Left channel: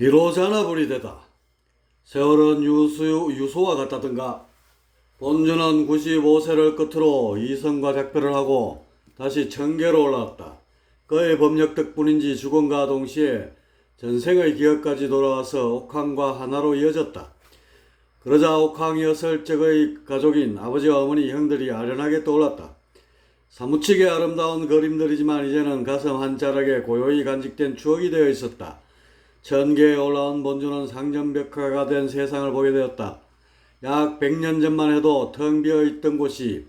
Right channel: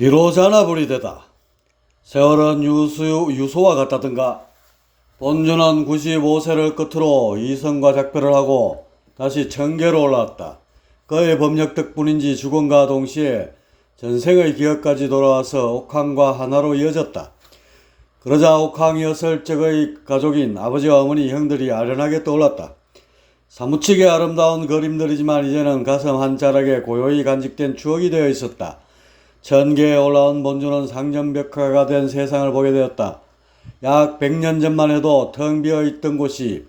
비로자나불이 되다. 세월은 유소와 같다든가. 본주는 95세를 끝으로 이성과 작별을 하고 다시 청계로 올라왔다. 그의 법력 덕분인지 죽음과 동시에 전생의 기억까지 돌아와서 옥황과 하나로 이어졌다. 그러자 옥황 여설 적의 가족인 아버지와 어머니, 형들이 아련하게 떠올랐다. 사무치게 아름다운 그림들이지만 이제는 가슴 한 자락에 고요히 간직된 추억이 되어 있었다. 천계에 올라온 본주는 상정벽화가 된 세상을 보게 되었다. 약 100년 전만 해도 텅 비어 있던 곳이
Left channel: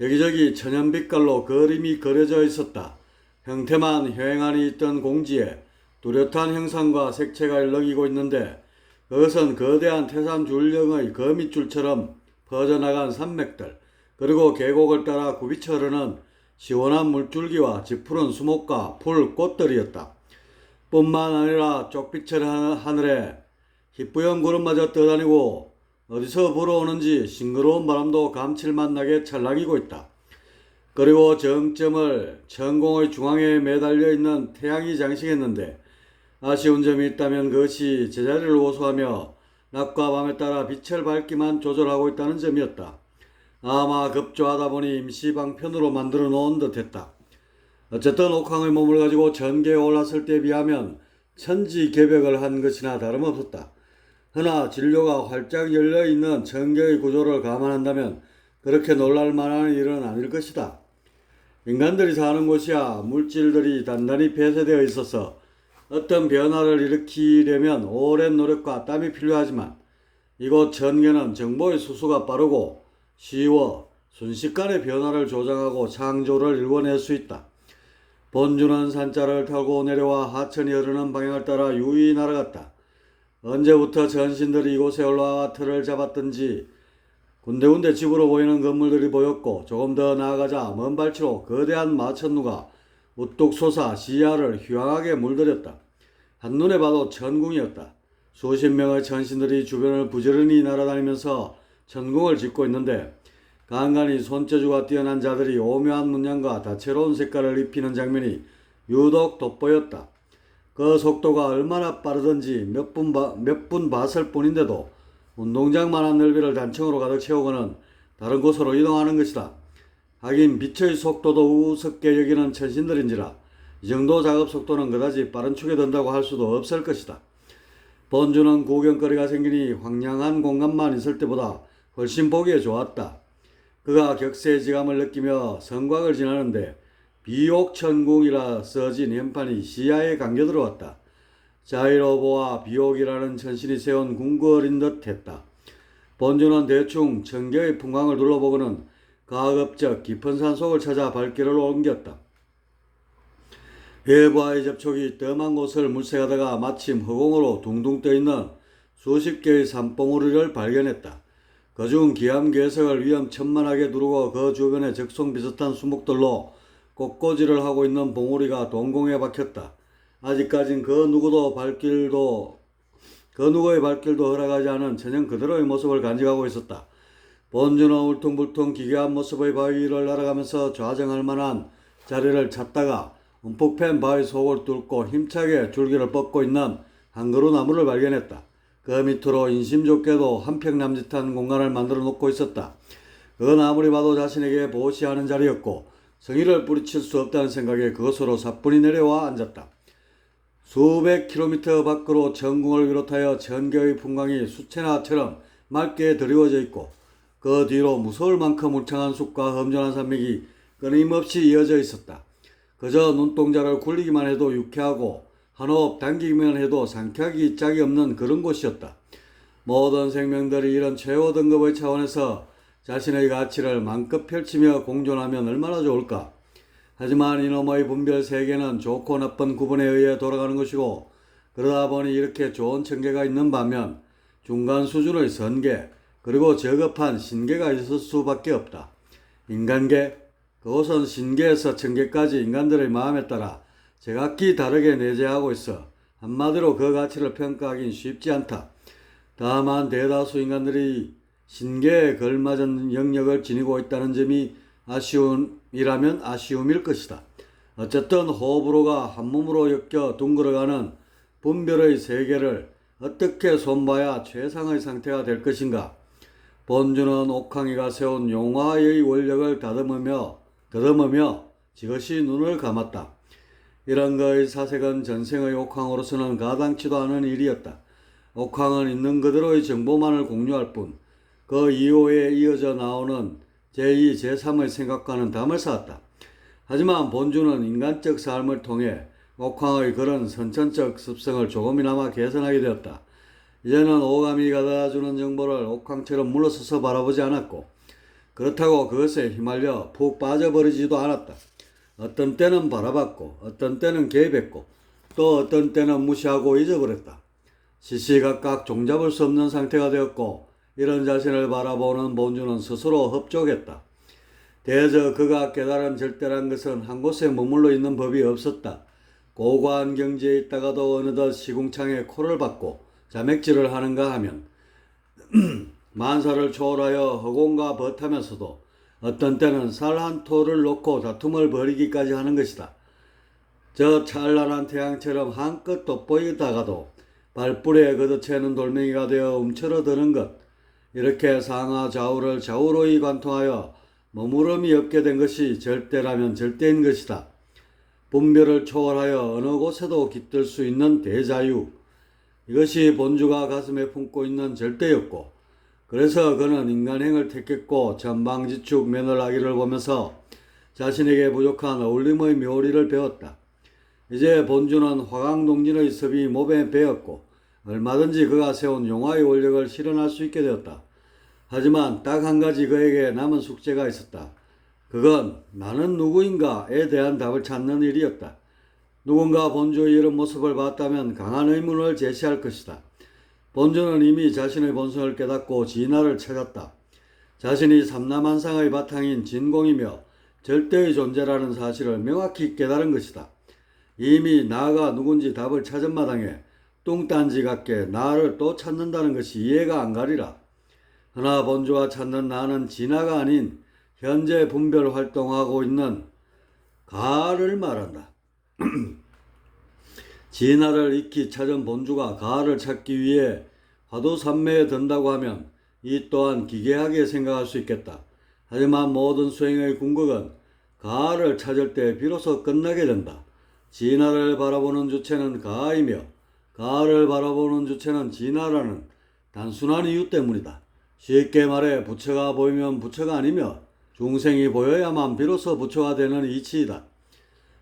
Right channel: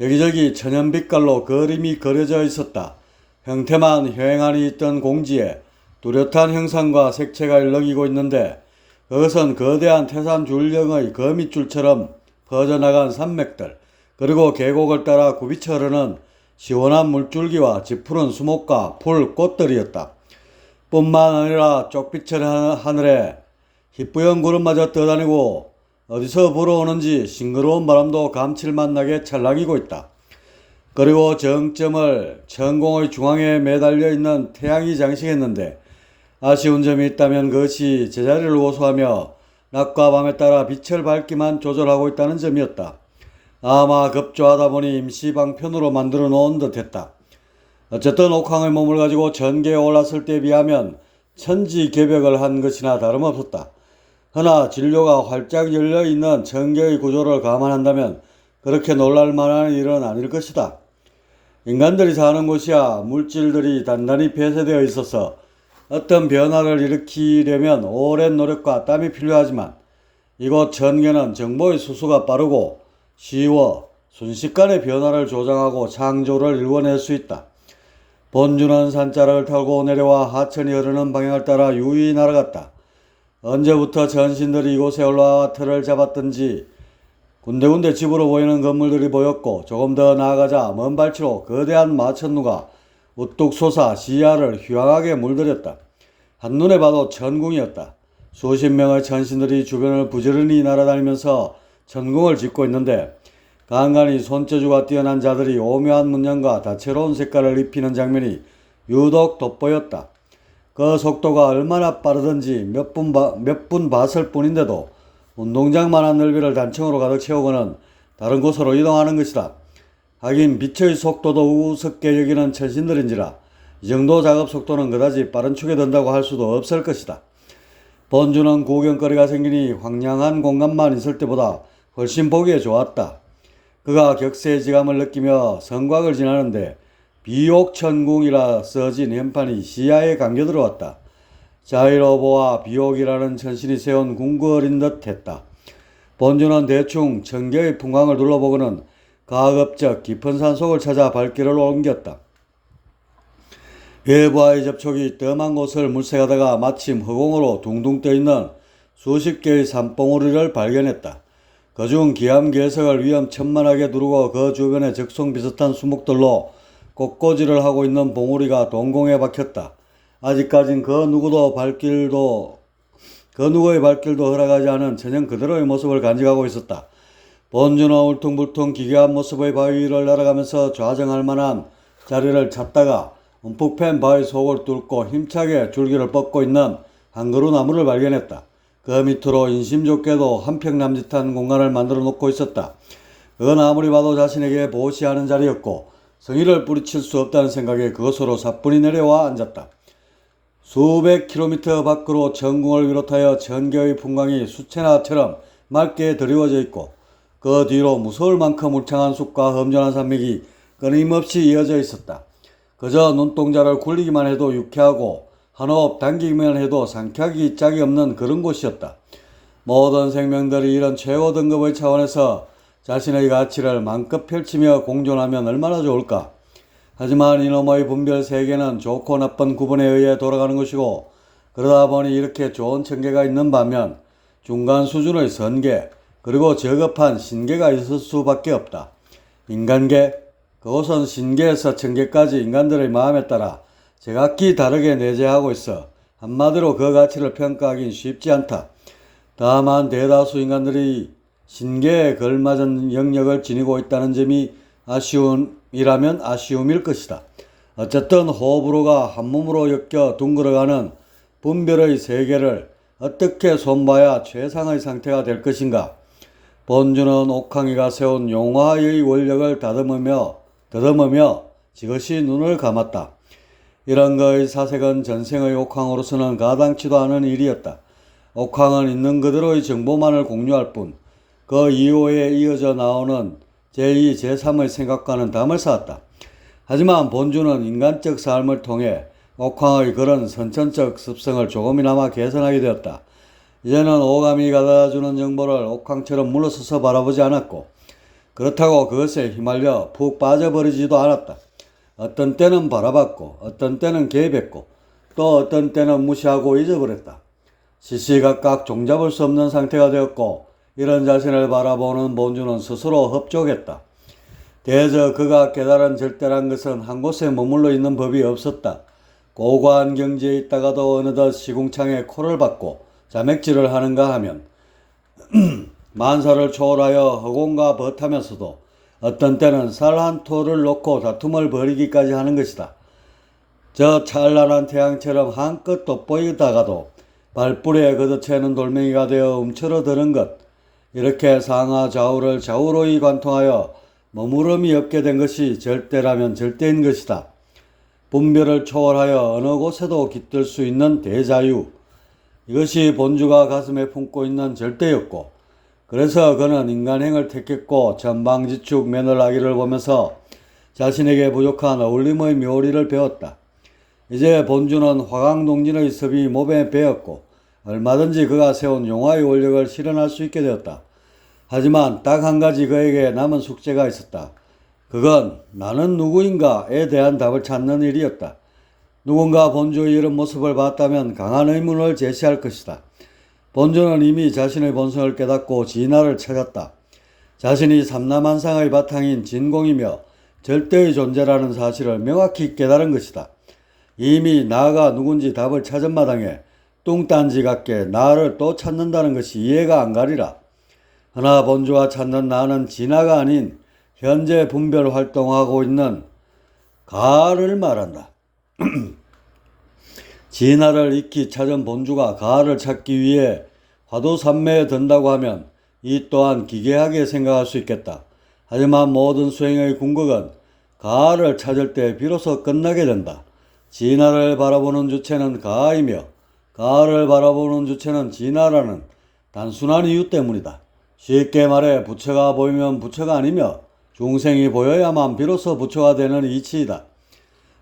여기저기 천연빛깔로 그림이 그려져 있었다. 형태만 휑하니 있던 공지에 뚜렷한 형상과 색채가 일렁이고 있는데 그것은 거대한 태산 줄령의 거미줄처럼 퍼져나간 산맥들, 그리고 계곡을 따라 굽이쳐 흐르는 시원한 물줄기와 짙푸른 수목과 풀, 꽃들이었다. 뿐만 아니라 쪽빛의 하늘에 희뿌연 구름마저 떠다니고 어디서 불어오는지 싱그러운 바람도 감칠맛 나게 찰랑이고 있다. 그리고 정점을 천공의 중앙에 매달려 있는 태양이 장식했는데 아쉬운 점이 있다면 그것이 제자리를 고수하며 낮과 밤에 따라 빛을 밝기만 조절하고 있다는 점이었다. 아마 급조하다 보니 임시 방편으로 만들어 놓은 듯했다. 어쨌든 옥황의 몸을 가지고 전계에 올랐을 때에 비하면 천지개벽을 한 것이나 다름없었다. 허나 진료가 활짝 열려있는 전계의 구조를 감안한다면 그렇게 놀랄 만한 일은 아닐 것이다. 인간들이 사는 곳이야 물질들이 단단히 폐쇄되어 있어서 어떤 변화를 일으키려면 오랜 노력과 땀이 필요하지만 이곳 전계는 정보의 수수가 빠르고 쉬워 순식간에 변화를 조장하고 창조를 이루어낼 수 있다. 본주는 산자락을 타고 내려와 하천이 흐르는 방향을 따라 유유히 날아갔다. 언제부터 전신들이 이곳에 올라와 틀을 잡았던지 군데군데 집으로 보이는 건물들이 보였고 조금 더 나아가자 먼 발치로 거대한 마천루가 우뚝 솟아 시야를 휘황하게 물들였다. 한눈에 봐도 천궁이었다. 수십 명의 천신들이 주변을 부지런히 날아다니면서 천궁을 짓고 있는데 간간히 손재주가 뛰어난 자들이 오묘한 문양과 다채로운 색깔을 입히는 장면이 유독 돋보였다. 그 속도가 얼마나 빠르든지 몇 분 봤을 뿐인데도 운동장만한 넓이를 단층으로 가득 채우고는 다른 곳으로 이동하는 것이다. 하긴 빛의 속도도 우습게 여기는 천신들인지라 이 정도 작업 속도는 그다지 빠른 축에 든다고 할 수도 없을 것이다. 본주는 구경거리가 생기니 황량한 공간만 있을 때보다 훨씬 보기에 좋았다. 그가 격세지감을 느끼며 성곽을 지나는데 비옥천궁이라 써진 현판이 시야에 감겨 들어왔다. 자이로보와 비옥이라는 천신이 세운 궁궐인 듯 했다. 본주는 대충 천계의 풍광을 둘러보고는 가급적 깊은 산속을 찾아 발길을 옮겼다. 외부와의 접촉이 뜸한 곳을 물색하다가 마침 허공으로 둥둥 떠있는 수십 개의 산봉우리를 발견했다. 그중 기암괴석을 위험천만하게 두르고 그 주변에 적송 비슷한 수목들로 꽃꽂이를 하고 있는 봉우리가 동공에 박혔다. 아직까진 그 누구의 발길도 허락하지 않은 천연 그대로의 모습을 간직하고 있었다. 본주는 울퉁불퉁 기괴한 모습의 바위 위를 날아가면서 좌정할 만한 자리를 찾다가 움푹 팬 바위 속을 뚫고 힘차게 줄기를 뻗고 있는 한 그루 나무를 발견했다. 그 밑으로 인심 좋게도 한평 남짓한 공간을 만들어 놓고 있었다. 그건 아무리 봐도 자신에게 보시하는 자리였고 성의를 뿌리칠 수 없다는 생각에 그것으로 사뿐히 내려와 앉았다. 수백 킬로미터 밖으로 천궁을 비롯하여 전개의 풍광이 수채나처럼 맑게 드리워져 있고 그 뒤로 무서울 만큼 울창한 숲과 험준한 산맥이 끊임없이 이어져 있었다. 그저 눈동자를 굴리기만 해도 유쾌하고 한 호흡 당기기만 해도 상쾌하기 짝이 없는 그런 곳이었다. 모든 생명들이 이런 최고 등급의 차원에서 자신의 가치를 마음껏 펼치며 공존하면 얼마나 좋을까. 하지만 이놈의 분별 세계는 좋고 나쁜 구분에 의해 돌아가는 것이고 그러다 보니 이렇게 좋은 천계가 있는 반면 중간 수준의 선계 그리고 저급한 신계가 있을 수밖에 없다. 인간계, 그곳은 신계에서 천계까지 인간들의 마음에 따라 제각기 다르게 내재하고 있어 한마디로 그 가치를 평가하긴 쉽지 않다. 다만 대다수 인간들이 신계에 걸맞은 영역을 지니고 있다는 점이 아쉬움일 것이다. 어쨌든 호불호가 한몸으로 엮여 둥그러가는 분별의 세계를 어떻게 손봐야 최상의 상태가 될 것인가? 본주는 옥황이가 세운 용화의 원력을 더듬으며 지그시 눈을 감았다. 이런 그의 사색은 전생의 옥황으로서는 가당치도 않은 일이었다. 옥황은 있는 그대로의 정보만을 공유할 뿐 그 이후에 이어져 나오는 제2, 제3의 생각과는 담을 쌓았다. 하지만 본주는 인간적 삶을 통해 옥황의 그런 선천적 습성을 조금이나마 개선하게 되었다. 이제는 오감이 가져다주는 정보를 옥황처럼 물러서서 바라보지 않았고 그렇다고 그것에 휘말려 푹 빠져버리지도 않았다. 어떤 때는 바라봤고 어떤 때는 개입했고 또 어떤 때는 무시하고 잊어버렸다. 시시각각 종잡을 수 없는 상태가 되었고 이런 자신을 바라보는 본주는 스스로 흡족했다. 대저 그가 깨달은 절대란 것은 한 곳에 머물러 있는 법이 없었다. 고고한 경지에 있다가도 어느덧 시궁창에 코를 박고 자맥질을 하는가 하면 만사를 초월하여 허공과 벗하면서도 어떤 때는 살 한 토를 놓고 다툼을 벌이기까지 하는 것이다. 저 찬란한 태양처럼 한껏 돋보이다가도 발뿌리에 걷어채는 돌멩이가 되어 움츠러드는 것, 이렇게 상하 좌우를 좌우로이 관통하여 머무름이 없게 된 것이 절대라면 절대인 것이다. 분별을 초월하여 어느 곳에도 깃들 수 있는 대자유, 이것이 본주가 가슴에 품고 있는 절대였고 그래서 그는 인간행을 택했고 전방지축 매너라기를 보면서 자신에게 부족한 어울림의 묘리를 배웠다. 이제 본주는 화강동진의 섭이 몸에 배었고 얼마든지 그가 세운 용화의 원력을 실현할 수 있게 되었다. 하지만 딱 한 가지 그에게 남은 숙제가 있었다. 그건 나는 누구인가에 대한 답을 찾는 일이었다. 누군가 본주의 이런 모습을 봤다면 강한 의문을 제시할 것이다. 본주는 이미 자신의 본성을 깨닫고 진화를 찾았다. 자신이 삼라만상의 바탕인 진공이며 절대의 존재라는 사실을 명확히 깨달은 것이다. 이미 나가 누군지 답을 찾은 마당에 뚱딴지 같게 나를 또 찾는다는 것이 이해가 안 가리라. 허나 본주가 찾는 나는 진화가 아닌 현재 분별 활동하고 있는 가를 말한다. 진화를 익히 찾은 본주가 가를 찾기 위해 화두산매에 든다고 하면 이 또한 기괴하게 생각할 수 있겠다. 하지만 모든 수행의 궁극은 가를 찾을 때 비로소 끝나게 된다. 진화를 바라보는 주체는 가이며 가를 바라보는 주체는 진화라는 단순한 이유 때문이다. 쉽게 말해 부처가 보이면 부처가 아니며 중생이 보여야만 비로소 부처가 되는 이치이다.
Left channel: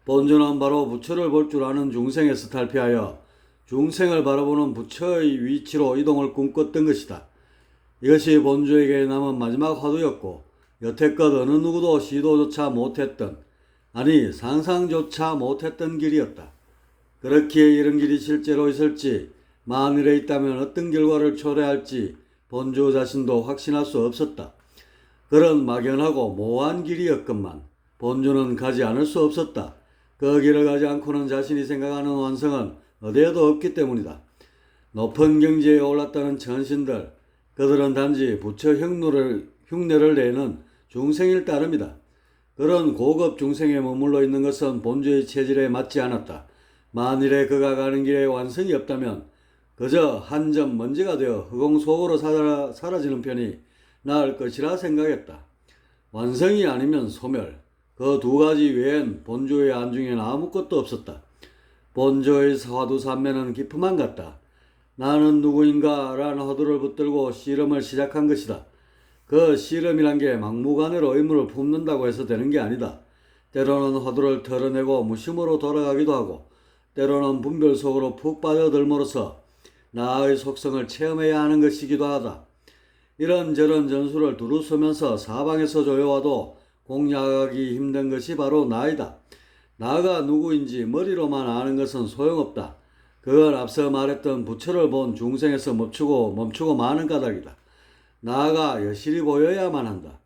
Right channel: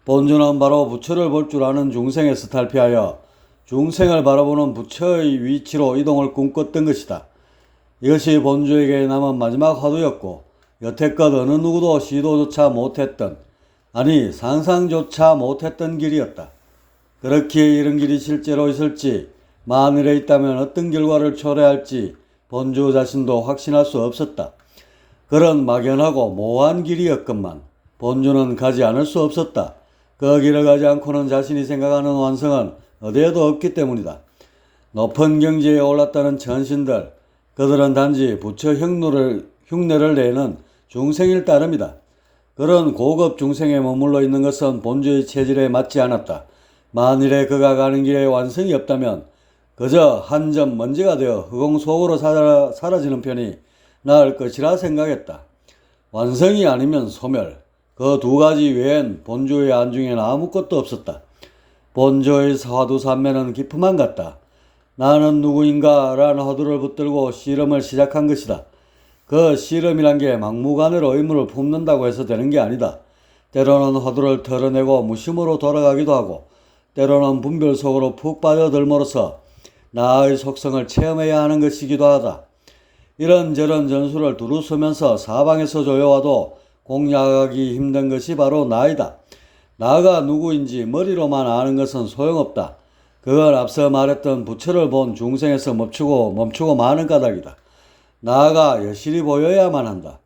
본주는 바로 부처를 볼 줄 아는 중생에서 탈피하여 중생을 바라보는 부처의 위치로 이동을 꿈꿨던 것이다. 이것이 본주에게 남은 마지막 화두였고 여태껏 어느 누구도 시도조차 못했던, 아니 상상조차 못했던 길이었다. 그렇기에 이런 길이 실제로 있을지, 만일에 있다면 어떤 결과를 초래할지 본주 자신도 확신할 수 없었다. 그런 막연하고 모호한 길이었건만 본주는 가지 않을 수 없었다. 그 길을 가지 않고는 자신이 생각하는 완성은 어디에도 없기 때문이다. 높은 경지에 올랐다는 천신들, 그들은 단지 부처 흉내를 내는 중생일 따름이다. 그런 고급 중생에 머물러 있는 것은 본주의 체질에 맞지 않았다. 만일에 그가 가는 길에 완성이 없다면 그저 한 점 먼지가 되어 허공 속으로 사라지는 편이 나을 것이라 생각했다. 완성이 아니면 소멸, 그 두 가지 외엔 본주의 안중에는 아무것도 없었다. 본주의 화두산매는 기품만 같다. 나는 누구인가 라는 화두를 붙들고 씨름을 시작한 것이다. 그 씨름이란 게 막무가내로 의무를 품는다고 해서 되는 게 아니다. 때로는 화두를 털어내고 무심으로 돌아가기도 하고 때로는 분별 속으로 푹 빠져들므로써 나의 속성을 체험해야 하는 것이기도 하다. 이런저런 전술을 두루 쓰면서 사방에서 조여와도 공략하기 힘든 것이 바로 나이다. 나가 누구인지 머리로만 아는 것은 소용없다. 그건 앞서 말했던 부처를 본 중생에서 멈추고 마는 까닭이다. 나가 여실히 보여야만 한다.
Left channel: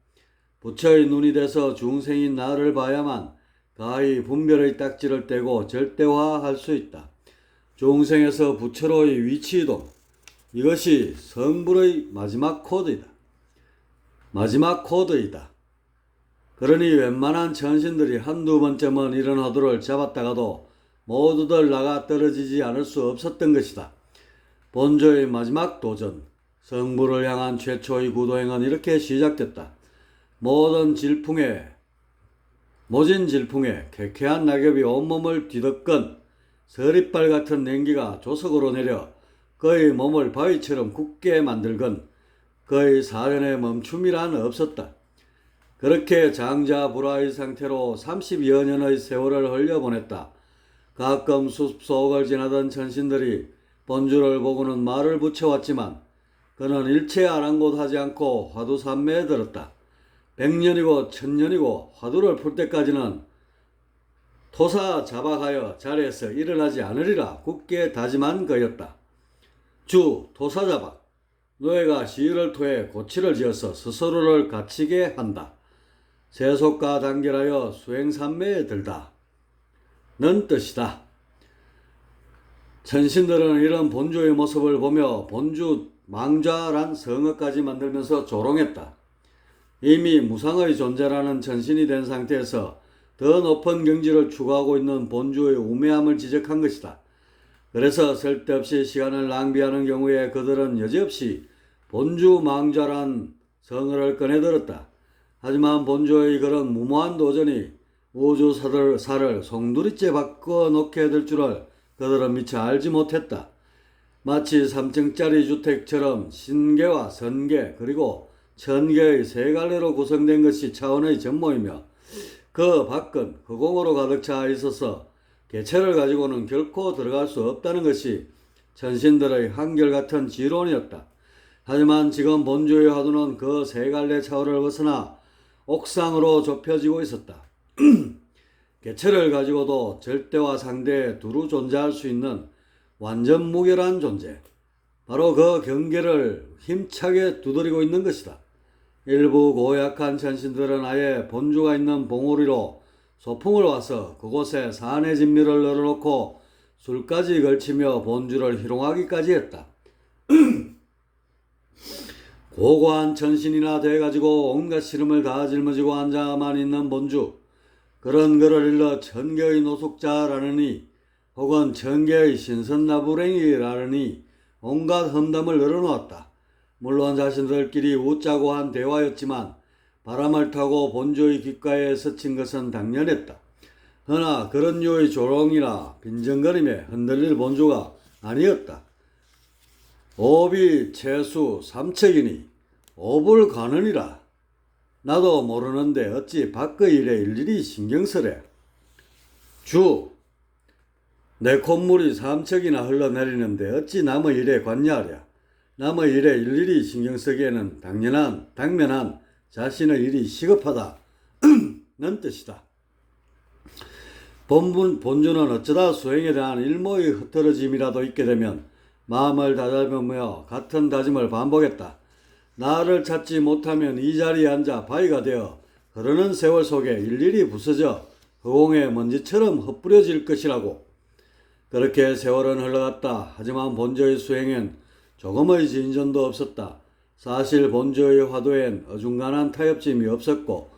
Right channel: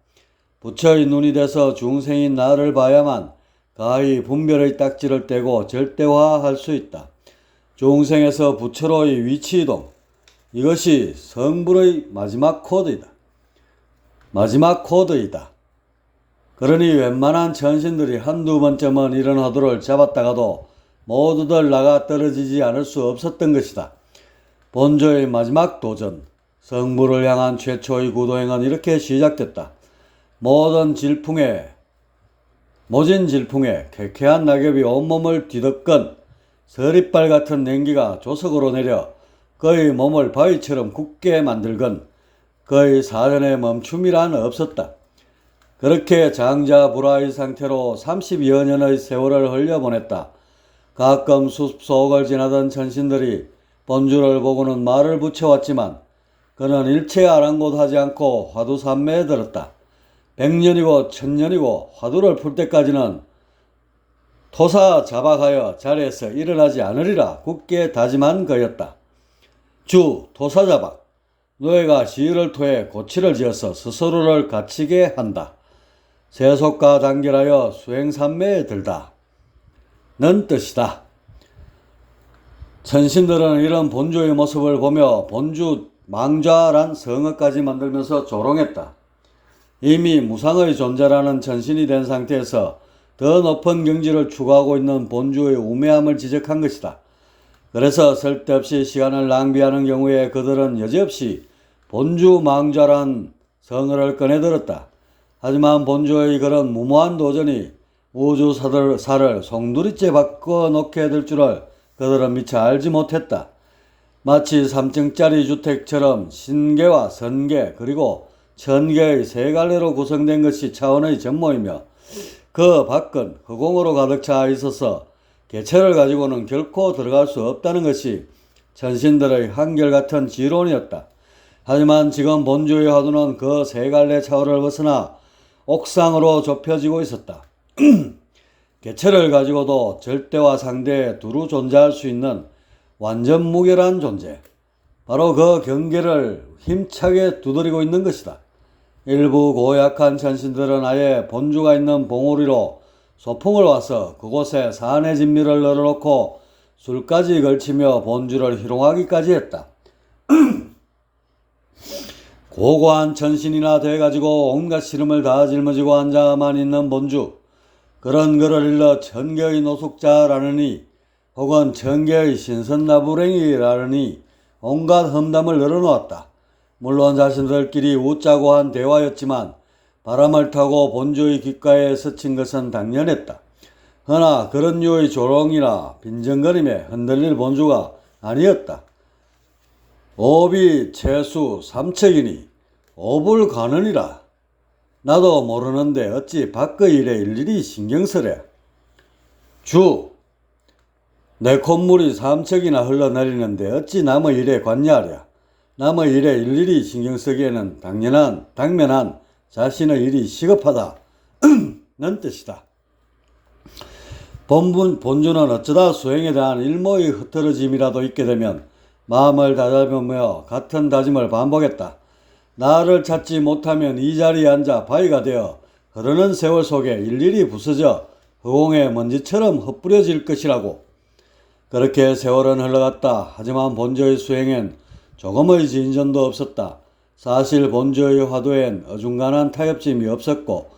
부처의 눈이 돼서 중생인 나를 봐야만 가히 분별의 딱지를 떼고 절대화할 수 있다. 중생에서 부처로의 위치이동, 이것이 성불의 마지막 코드이다. 그러니 웬만한 천신들이 한두 번쯤은 이런 화두를 잡았다가도 모두들 나가 떨어지지 않을 수 없었던 것이다. 본조의 마지막 도전, 성부를 향한 최초의 구도행은 이렇게 시작됐다. 모진 질풍에 쾌쾌한 낙엽이 온몸을 뒤덮건 서리빨 같은 냉기가 조석으로 내려 그의 몸을 바위처럼 굳게 만들건 그의 사전에 멈춤이란 없었다. 그렇게 장자불화의 상태로 30여 년의 세월을 흘려보냈다. 가끔 숲속을 지나던 천신들이 본주를 보고는 말을 붙여왔지만 그는 일체 아랑곳하지 않고 화두산매에 들었다. 100년이고 1000년이고 화두를 풀 때까지는 토사 자박하여 자리에서 일어나지 않으리라 굳게 다짐한 거였다. 주 토사자박, 노예가 시위를 토해 고치를 지어서 스스로를 갇히게 한다. 세속과 단결하여 수행산매에 들다. 는 뜻이다. 천신들은 이런 본주의 모습을 보며 본주 망좌란 성어까지 만들면서 조롱했다. 이미 무상의 존재라는 천신이 된 상태에서 더 높은 경지를 추구하고 있는 본주의 우매함을 지적한 것이다. 그래서 쓸데없이 시간을 낭비하는 경우에 그들은 여지없이 본주 망좌란 성어를 꺼내들었다. 하지만 본주의 그런 무모한 도전이 우주사를 송두리째 바꿔놓게 될 줄을 그들은 미처 알지 못했다. 마치 3층짜리 주택처럼 신계와 선계 그리고 천계의 세 갈래로 구성된 것이 차원의 전모이며 그 밖은 허공으로 가득 차 있어서 개체를 가지고는 결코 들어갈 수 없다는 것이 천신들의 한결같은 지론이었다. 하지만 지금 본주의 화두는 그 세 갈래 차원을 벗어나 옥상으로 좁혀지고 있었다. 개체를 가지고도 절대와 상대에 두루 존재할 수 있는 완전 무결한 존재, 바로 그 경계를 힘차게 두드리고 있는 것이다. 일부 고약한 천신들은 아예 본주가 있는 봉우리로 소풍을 와서 그곳에 산의 진미를 널어놓고 술까지 걸치며 본주를 희롱하기까지 했다. 고고한 천신이나 돼가지고 온갖 시름을 다 짊어지고 앉아만 있는 본주, 그런 그를 일러 천계의 노숙자라느니 혹은 천계의 신선나부랭이라느니 온갖 험담을 늘어놓았다. 물론 자신들끼리 웃자고 한 대화였지만 바람을 타고 본주의 귓가에 스친 것은 당연했다. 허나 그런 류의 조롱이나 빈정거림에 흔들릴 본주가 아니었다. 오비 채수 삼척이니 오불 가느니라. 나도 모르는데 어찌 밖의 일에 일일이 신경쓰래. 주, 내 콧물이 삼척이나 흘러내리는데 어찌 남의 일에 관여하랴. 남의 일에 일일이 신경쓰기에는 당면한 자신의 일이 시급하다. 는 뜻이다. 본주는 어쩌다 수행에 대한 일모의 흐트러짐이라도 있게 되면 마음을 다잡으며 같은 다짐을 반복했다. 나를 찾지 못하면 이 자리에 앉아 바위가 되어 흐르는 세월 속에 일일이 부서져 허공의 먼지처럼 흩뿌려질 것이라고. 그렇게 세월은 흘러갔다. 하지만 본주의 수행엔 조금의 진전도 없었다. 사실 본주의 화두엔 어중간한 타협점이 없었고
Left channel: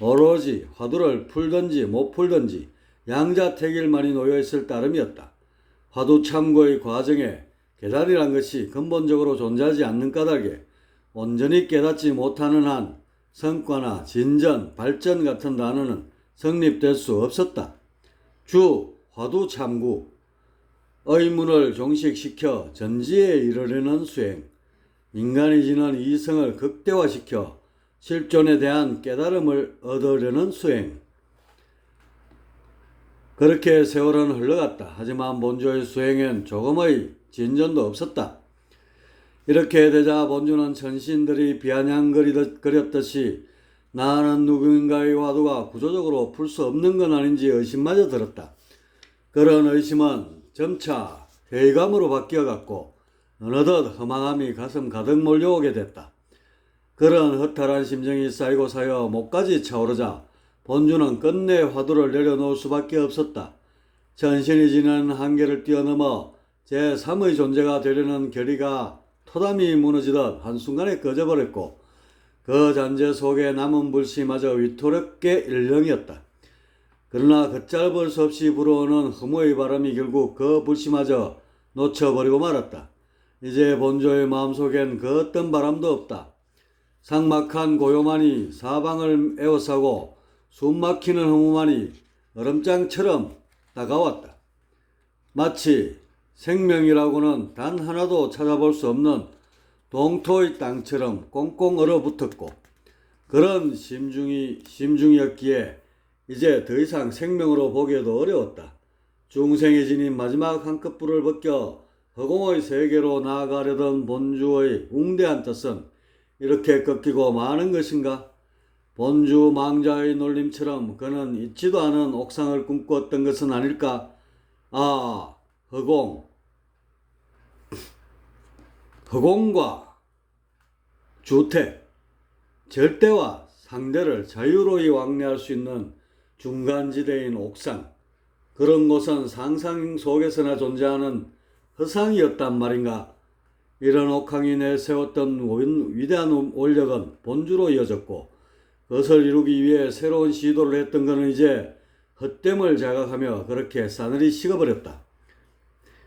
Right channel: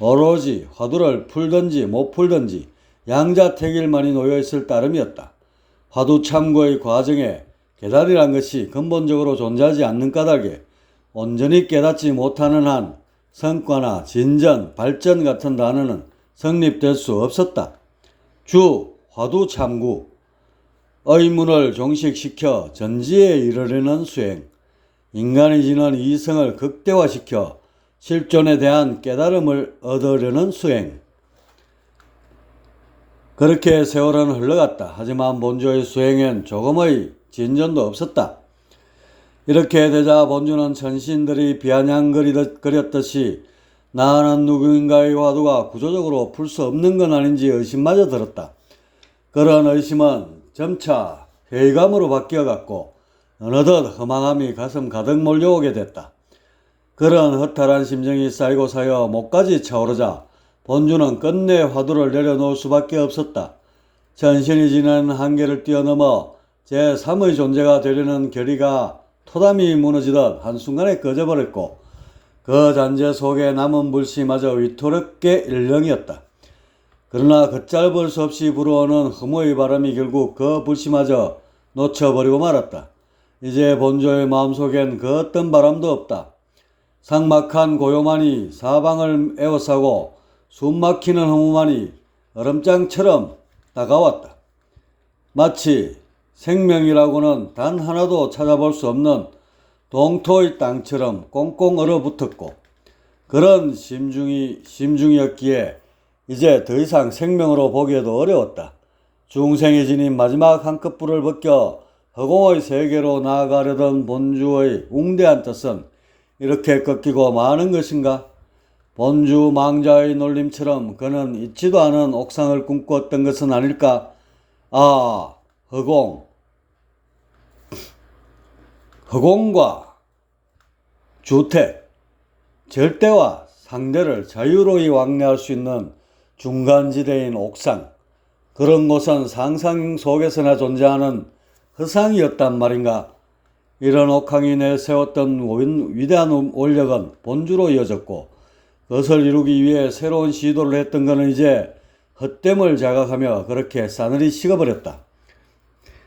오로지 화두를 풀든지 못 풀든지 양자택일만이 놓여있을 따름이었다. 화두 참고의 과정에 깨달이란 것이 근본적으로 존재하지 않는 까닭에 온전히 깨닫지 못하는 한 성과나 진전, 발전 같은 단어는 성립될 수 없었다. 주, 화두 참구, 의문을 종식시켜 전지에 이르려는 수행, 인간이 지닌 이성을 극대화시켜 실존에 대한 깨달음을 얻으려는 수행. 그렇게 세월은 흘러갔다. 하지만 본주의 수행엔 조금의 진전도 없었다. 이렇게 되자 본주는 천신들이 비아냥거렸듯이 나는 누구인가의 화두가 구조적으로 풀 수 없는 건 아닌지 의심마저 들었다. 그런 의심은 점차 회의감으로 바뀌어갔고 어느덧 허망함이 가슴 가득 몰려오게 됐다. 그런 허탈한 심정이 쌓이고 쌓여 목까지 차오르자 본주는 끝내 화두를 내려놓을 수밖에 없었다. 천신이 지닌 한계를 뛰어넘어 제3의 존재가 되려는 결의가 토담이 무너지듯 한순간에 꺼져버렸고 그 잔재 속에 남은 불씨마저 위토롭게 일렁이었다. 그러나 걷잡을 수 없이 불어오는 허무의 바람이 결국 그 불씨마저 놓쳐버리고 말았다. 이제 본조의 마음속엔 그 어떤 바람도 없다. 삭막한 고요만이 사방을 에워싸고 숨막히는 허무만이 얼음장처럼 다가왔다. 마치 생명이라고는 단 하나도 찾아볼 수 없는 동토의 땅처럼 꽁꽁 얼어붙었고, 그런 심중이었기에 이제 더 이상 생명으로 보기에도 어려웠다. 중생이 지닌 마지막 한꺼풀을 벗겨 허공의 세계로 나아가려던 본주의 웅대한 뜻은 이렇게 꺾이고 마는 것인가? 본주 망자의 놀림처럼 그는 잊지도 않은 옥상을 꿈꾸었던 것은 아닐까? 아, 허공과 주택, 절대와 상대를 자유로이 왕래할 수 있는 중간지대인 옥상, 그런 곳은 상상 속에서나 존재하는 허상이었단 말인가? 이런 옥황이 내세웠던 위대한 원력은 본주로 이어졌고, 그것을 이루기 위해 새로운 시도를 했던 것은 이제 헛됨을 자각하며 그렇게 싸늘히 식어버렸다.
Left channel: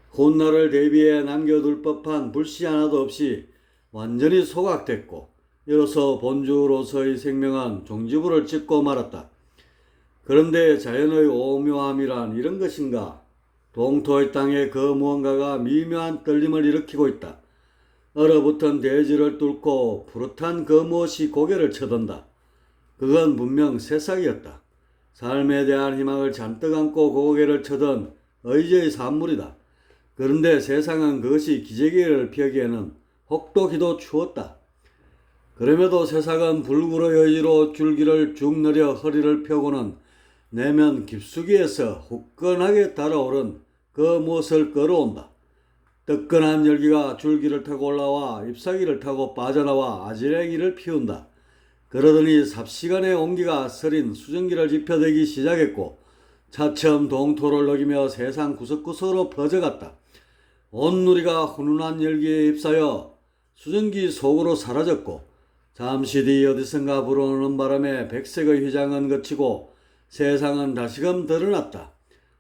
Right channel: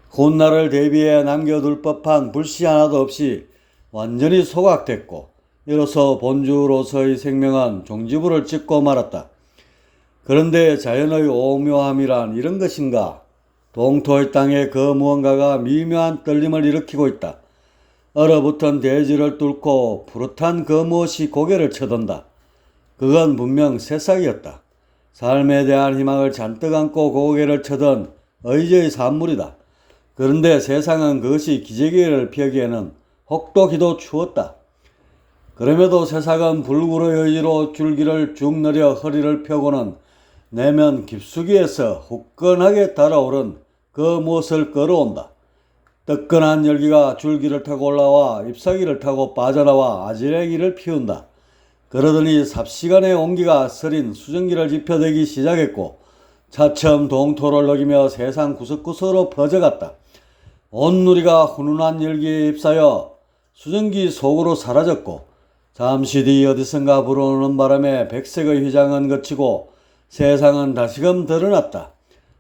훗날을 대비해 남겨둘 법한 불씨 하나도 없이 완전히 소각됐고, 이로써 본주로서의 생명은 종지부를 찍고 말았다. 그런데 자연의 오묘함이란 이런 것인가? 동토의 땅에 그 무언가가 미묘한 떨림을 일으키고 있다. 얼어붙은 대지를 뚫고 푸릇한 그 무엇이 고개를 쳐든다. 그건 분명 새싹이었다. 삶에 대한 희망을 잔뜩 안고 고개를 쳐든 의지의 산물이다. 그런데 세상은 그것이 기저귀를 펴기에는 혹독히도 추웠다. 그럼에도 새싹은 불굴의 의지로 줄기를 쭉 늘려 허리를 펴고는 내면 깊숙이에서 후끈하게 달아오른 그 무엇을 끌어온다. 뜨끈한 열기가 줄기를 타고 올라와 잎사귀를 타고 빠져나와 아지랭이를 피운다. 그러더니 삽시간에 온기가 서린 수증기를 지펴대기 시작했고, 차츰 동토를 녹이며 세상 구석구석으로 퍼져갔다. 온 누리가 훈훈한 열기에 휩싸여 수증기 속으로 사라졌고, 잠시 뒤 어디선가 불어오는 바람에 백색의 휘장은 거치고 세상은 다시금 드러났다.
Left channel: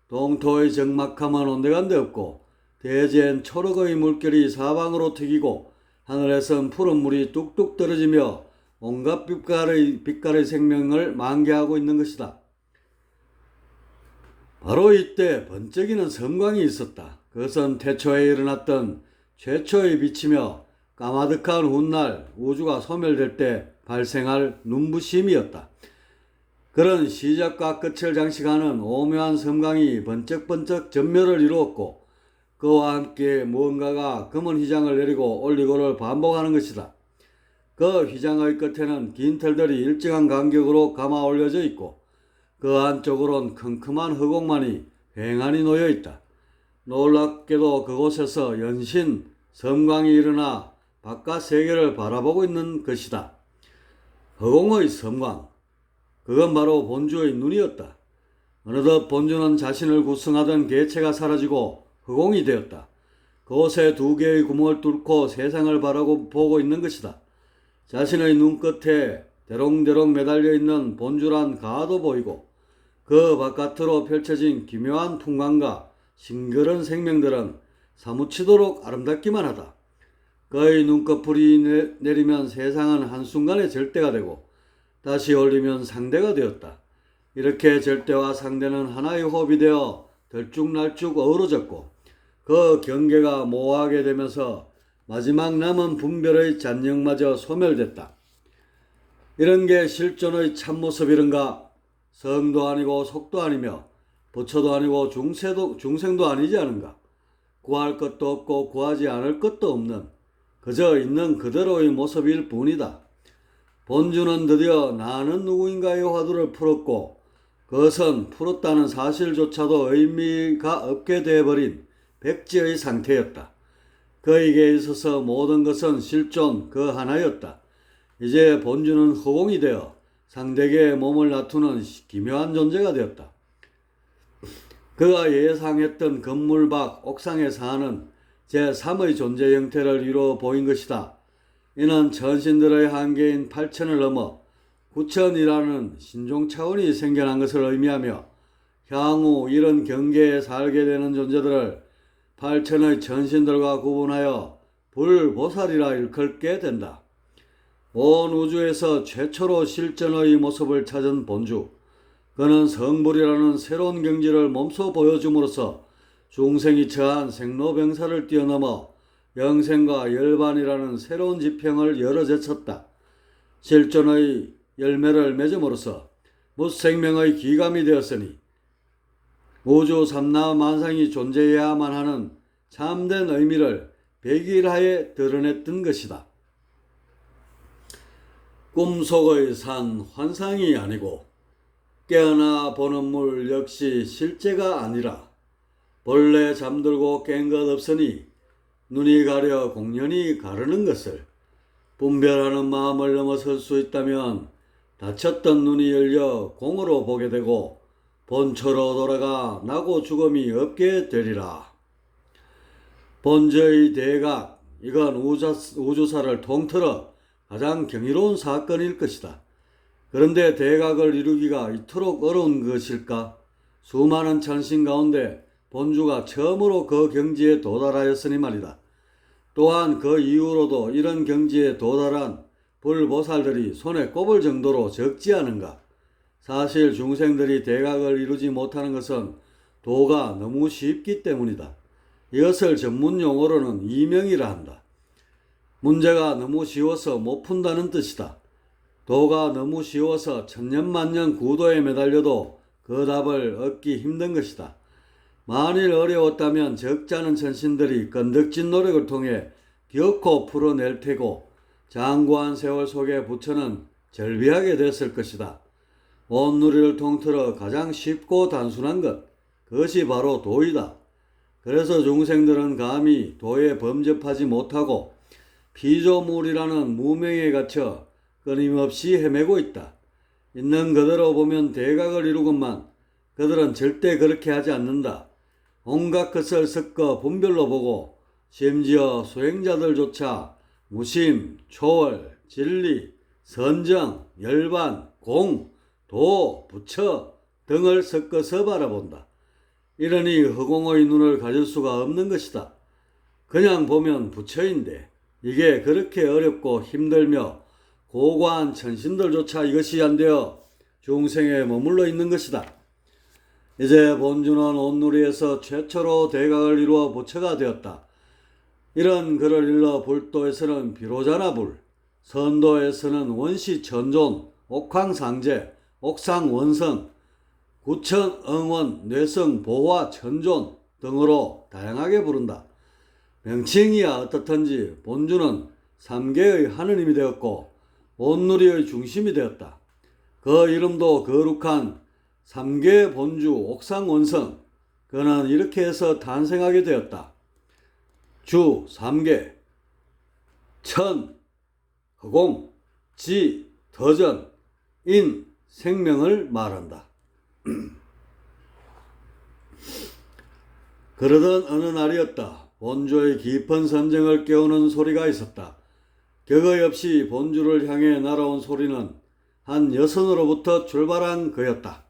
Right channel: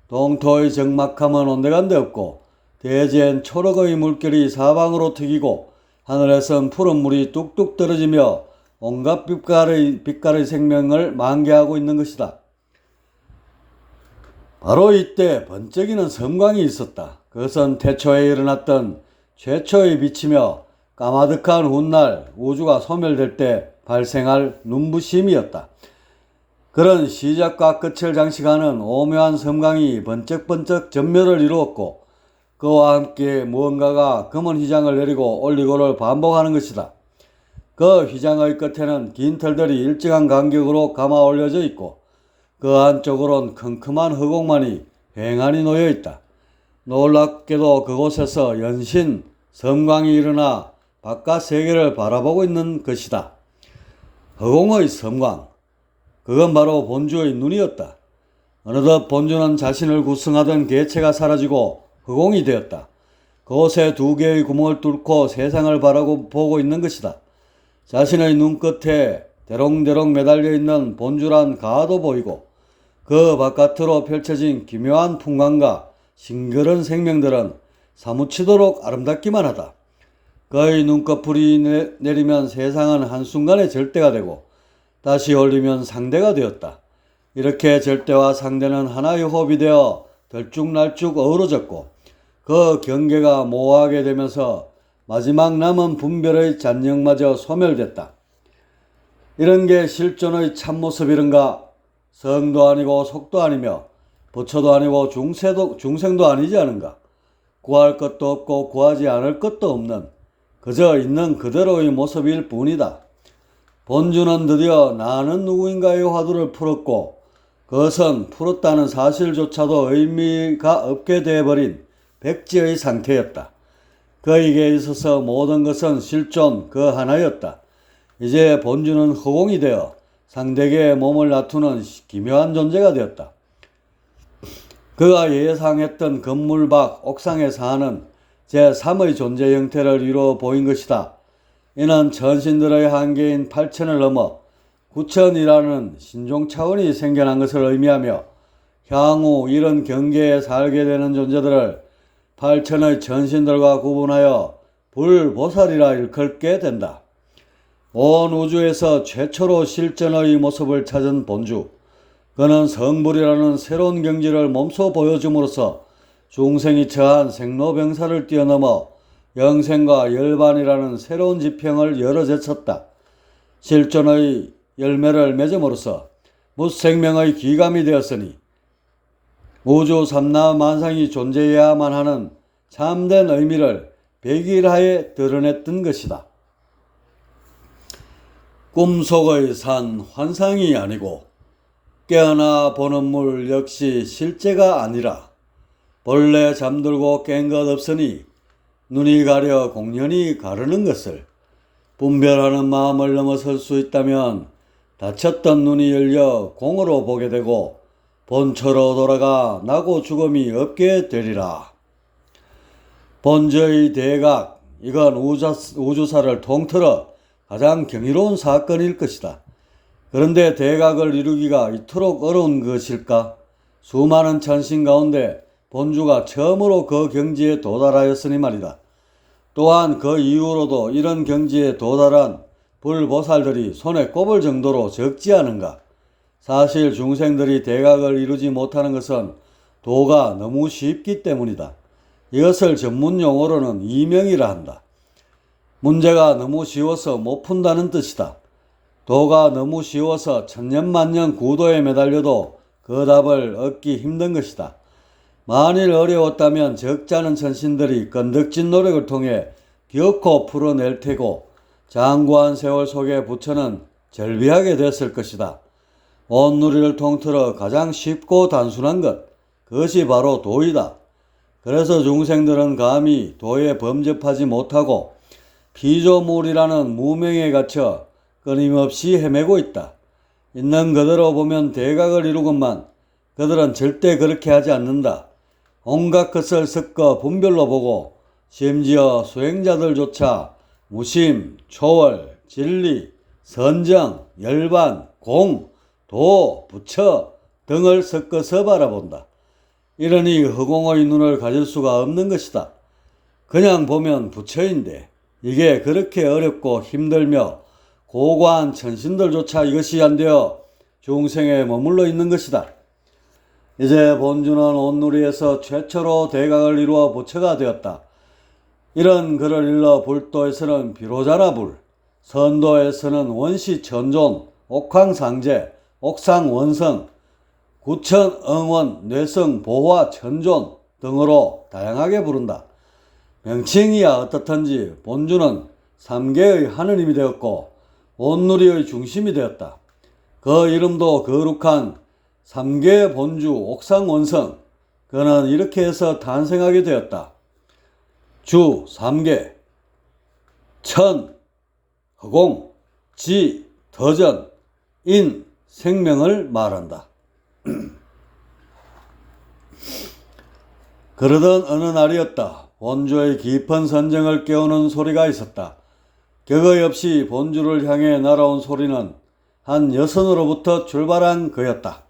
동토의 적막함은 온데간데 없고, 대지엔 초록의 물결이 사방으로 튀기고, 하늘에선 푸른 물이 뚝뚝 떨어지며 온갖 빛깔의 생명을 만개하고 있는 것이다. 바로 이때 번쩍이는 섬광이 있었다. 그것은 태초에 일어났던 최초의 빛이며 까마득한 훗날 우주가 소멸될 때 발생할 눈부심이었다. 그런 시작과 끝을 장식하는 오묘한 섬광이 번쩍번쩍 전멸을 이루었고, 그와 함께 무언가가 검은 휘장을 내리고 올리고를 반복하는 것이다. 그 휘장의 끝에는 긴 털들이 일정한 간격으로 감아 올려져 있고, 그 안쪽으론 컴컴한 허공만이 휑하니 놓여 있다. 놀랍게도 그곳에서 연신 섬광이 일어나 바깥 세계를 바라보고 있는 것이다. 허공의 섬광, 그건 바로 본주의 눈이었다. 어느덧 본주는 자신을 구성하던 개체가 사라지고 허공이 되었다. 그곳에 두 개의 구멍을 뚫고 세상을 보고 있는 것이다. 자신의 눈끝에 대롱대롱 매달려 있는 본주란 가도 보이고, 그 바깥으로 펼쳐진 기묘한 풍광과 싱그런 생명들은 사무치도록 아름답기만 하다. 그의 눈꺼풀이 내리면 세상은 한순간에 절대가 되고, 다시 올리면 상대가 되었다. 이렇게 절대와 상대는 하나의 호흡이 되어 들쭉날쭉 어우러졌고, 그 경계가 모호하게 되면서 마지막 남은 분별의 잔영마저 소멸됐다. 이런 게 실존의 참모습이런가? 성도 아니고 속도 아니며 부처도 아니고 중생도 아니지 않은가? 구할 것도 없고 구하지 않을 것도 없는 그저 있는 그대로의 모습일 뿐이다. 본주는 드디어 나는 누구인가의 화두를 풀었고, 그것은 풀었다는 사실조차도 의미가 없게 되어버린 백지의 상태였다. 그에게 있어서 모든 것은 실존 그 하나였다. 이제 본주는 허공이 되어 상대에게 몸을 나투는 기묘한 존재가 되었다. 그가 예상했던 건물 밖 옥상에 사는 제3의 존재 형태를 이루어 보인 것이다. 이는 천신들의 한계인 8천을 넘어 9천이라는 신종 차원이 생겨난 것을 의미하며, 향후 이런 경계에 살게 되는 존재들을 팔천의 천신들과 구분하여 불보살이라 일컬게 된다. 온 우주에서 최초로 실전의 모습을 찾은 본주, 그는 성불이라는 새로운 경지를 몸소 보여줌으로써 중생이 처한 생로병사를 뛰어넘어 영생과 열반이라는 새로운 지평을 열어제쳤다. 실존의 열매를 맺음으로써 무생명의 기감이 되었으니 우주 삼라 만상이 존재해야만 하는 참된 의미를 백일하에 드러냈던 것이다. 꿈속의 산 환상이 아니고 깨어나 보는 물 역시 실제가 아니라 본래 잠들고 깬 것 없으니 눈이 가려 공연히 가르는 것을 분별하는 마음을 넘어설 수 있다면 닫혔던 눈이 열려 공으로 보게 되고 본처로 돌아가 나고 죽음이 없게 되리라. 본저의 대각, 이건 우주사를 통틀어 가장 경이로운 사건일 것이다. 그런데 대각을 이루기가 이토록 어려운 것일까? 수많은 천신 가운데 본주가 처음으로 그 경지에 도달하였으니 말이다. 또한 그 이후로도 이런 경지에 도달한 불보살들이 손에 꼽을 정도로 적지 않은가? 사실 중생들이 대각을 이루지 못하는 것은 도가 너무 쉽기 때문이다. 이것을 전문 용어로는 이명이라 한다. 문제가 너무 쉬워서 못 푼다는 뜻이다. 도가 너무 쉬워서 천년만년 구도에 매달려도 그 답을 얻기 힘든 것이다. 만일 어려웠다면 적잖은 천신들이 건덕진 노력을 통해 기어코 풀어낼 테고 장구한 세월 속에 부처는 절비하게 됐을 것이다. 온 누리를 통틀어 가장 쉽고 단순한 것, 그것이 바로 도이다. 그래서 중생들은 감히 도에 범접하지 못하고 피조물이라는 무명에 갇혀 끊임없이 헤매고 있다. 있는 그대로 보면 대각을 이루건만 그들은 절대 그렇게 하지 않는다. 온갖 것을 섞어 분별로 보고 심지어 수행자들조차 무심, 초월, 진리, 선정, 열반, 공, 도, 부처 등을 섞어서 바라본다. 이러니 허공의 눈을 가질 수가 없는 것이다. 그냥 보면 부처인데 이게 그렇게 어렵고 힘들며 고고한 천신들조차 이것이 안 되어 중생에 머물러 있는 것이다. 이제 본주는 온누리에서 최초로 대각을 이루어 부처가 되었다. 이런 글을 일러 불도에서는 비로자나불, 선도에서는 원시천존, 옥황상제, 옥상원성, 구천응원, 뇌성보화, 천존 등으로 다양하게 부른다. 명칭이야 어떻든지 본주는 삼계의 하느님이 되었고 온누리의 중심이 되었다. 그 이름도 거룩한 삼계 본주 옥상원성, 그는 이렇게 해서 탄생하게 되었다. 주 삼계, 천, 허공, 지, 더전, 인, 생명을 말한다. 그러던 어느 날이었다. 본주의 깊은 선정을 깨우는 소리가 있었다. 격의 없이 본주를 향해 날아온 소리는 한 여선으로부터 출발한 그였다.